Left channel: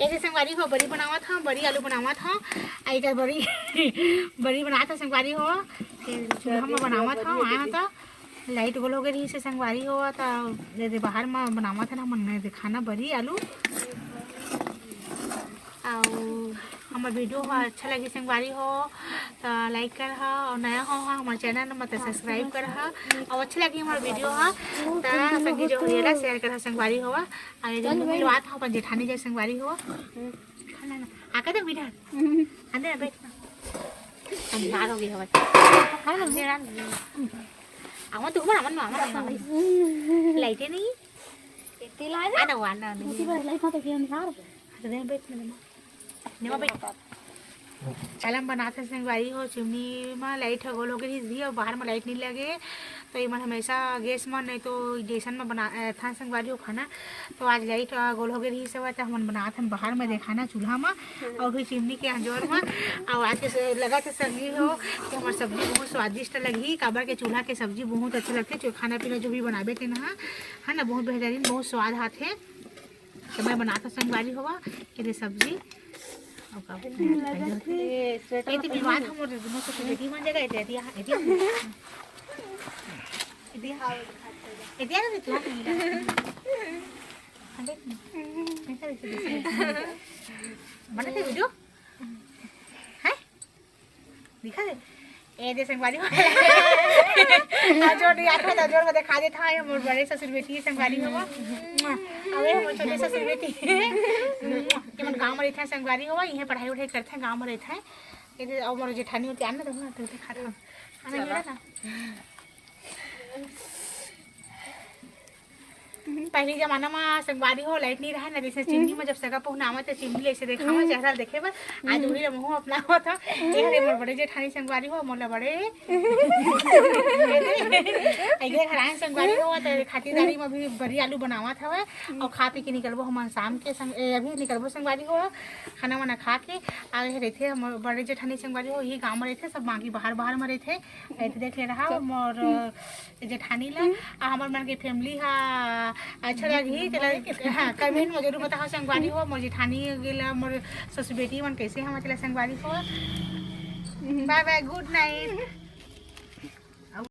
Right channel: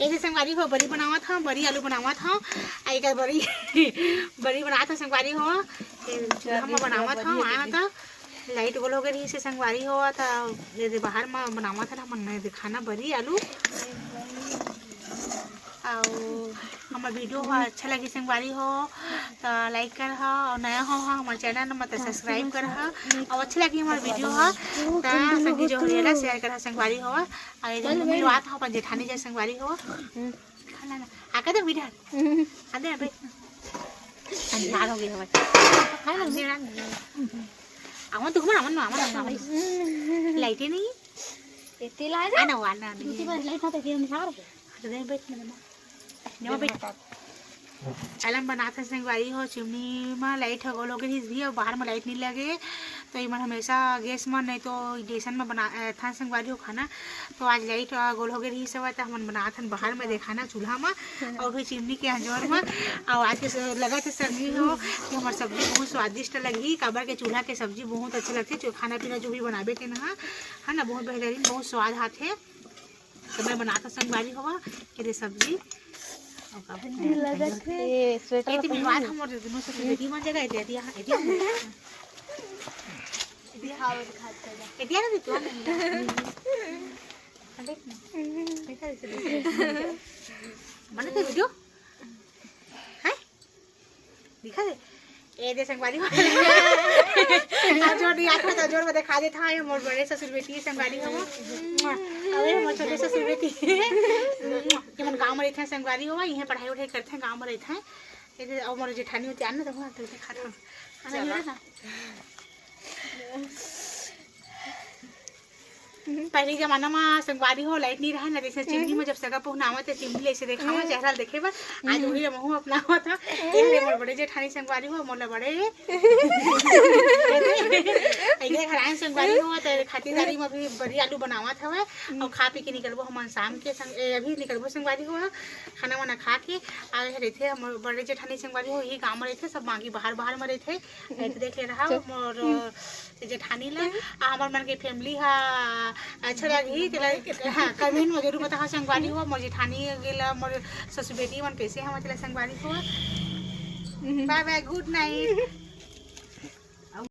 ऐसे संगवारी हो बड़ी बनावा था, बड़ी आलू बनावा था, आई का बड़ी बड़ी बनाया था संगवारी हो, चूल्हा में बनावा था, आया था लाइट बोलो के रही से संगवारी हो था, जैसे बाहर में बनावा था ना मन में दिखाना बड़ी आलू और हमार वीडियो हो अच्छा लगी संगवारी हो तो लाइक कर और नया हो हमारे चैनल मतलब सब्सक्राइब कर और अच्छा लगी हमारे वीडियो हो तो संगी जो हो शेयर कर संगवारी हो और जब मिलवात हो अपन जेठानी जैसे संगवारी हो आके तो वीडियो अंदर बैठ अंधार हो गया है आवन तुम आवन आवन लाइट नहीं इतनी लाइट आना वाना उसी पर लाइट मत के निसार तो नहीं बैठने नेवा बैठ चलन बनाते संगवारी हो चिमनी में लाइट हो लोग भी और बाहर में लाइट नहीं लगे तो ये मन हमेशा गैस में नहीं तो गैसन में बना था संगवारी हो खाना तो आज लाइट गोल हो गई सब तो हम बनाते हैं बाहर में देखाना चूल्हा में और भी चिमनी के अंजोर में और आज के लगा थे सब्जी हो कि हमारी सब्जी बहुत स्वादिष्ट लगी काबर के चूल्हा के सब्जी बहुत अच्छी लगती है खाना पीना जो भी बनाबे के ना है ना बहुत बेहतरीन बहुत स्वाद आते तो मैं बनाता संगवारी होगा ये सब्जी वीडियो है दिखा दे ए संगवारी जोर याद था जोर में दिखा देता है मोर बड़े ससुर बेटी संगवारी हो अबे मोर छोटे ससुर बेटी के मन गांव में रहते हैं संगवारी हो यहीं पढ़ाई उठाई करते हैं गांव में रहते हैं ये और मोर जेठानी होती आना तो दिखा था आना ये ना पहले जमाना में संगवारी हो लाइट नहीं रहा ना जैसे चिमनी में जब सगा पहुना तो चिमनी ऐसे देखा में चेहरा देखे बस आज वही रमहू अपना हुआ था ये मोर बड़े जेठानी संगवारी हो मोला बड़े ऐसे खरान संगवारी हो तो खातिरदारी में भी बड़ी आलू बनावा था और खा पी के निकलबो हम शाम के संग अभी निकलबो संगवारी हो खाना वाना खा के आए रहते हम बड़े जेठानी संगवारी हो यही गाँव में रहते सब बाकी बाहर बाहर में रहते देख ले रहा मोर जेठानी ला हमार मन के फैमिली हा अच्छा लगी हाँ कमेंट में जरूर बता संगवारी हो मोर जेठानी गेला मोर ससुर बेटी मन कैसे हम संगवारी हो बाय बाय गुड नाइट।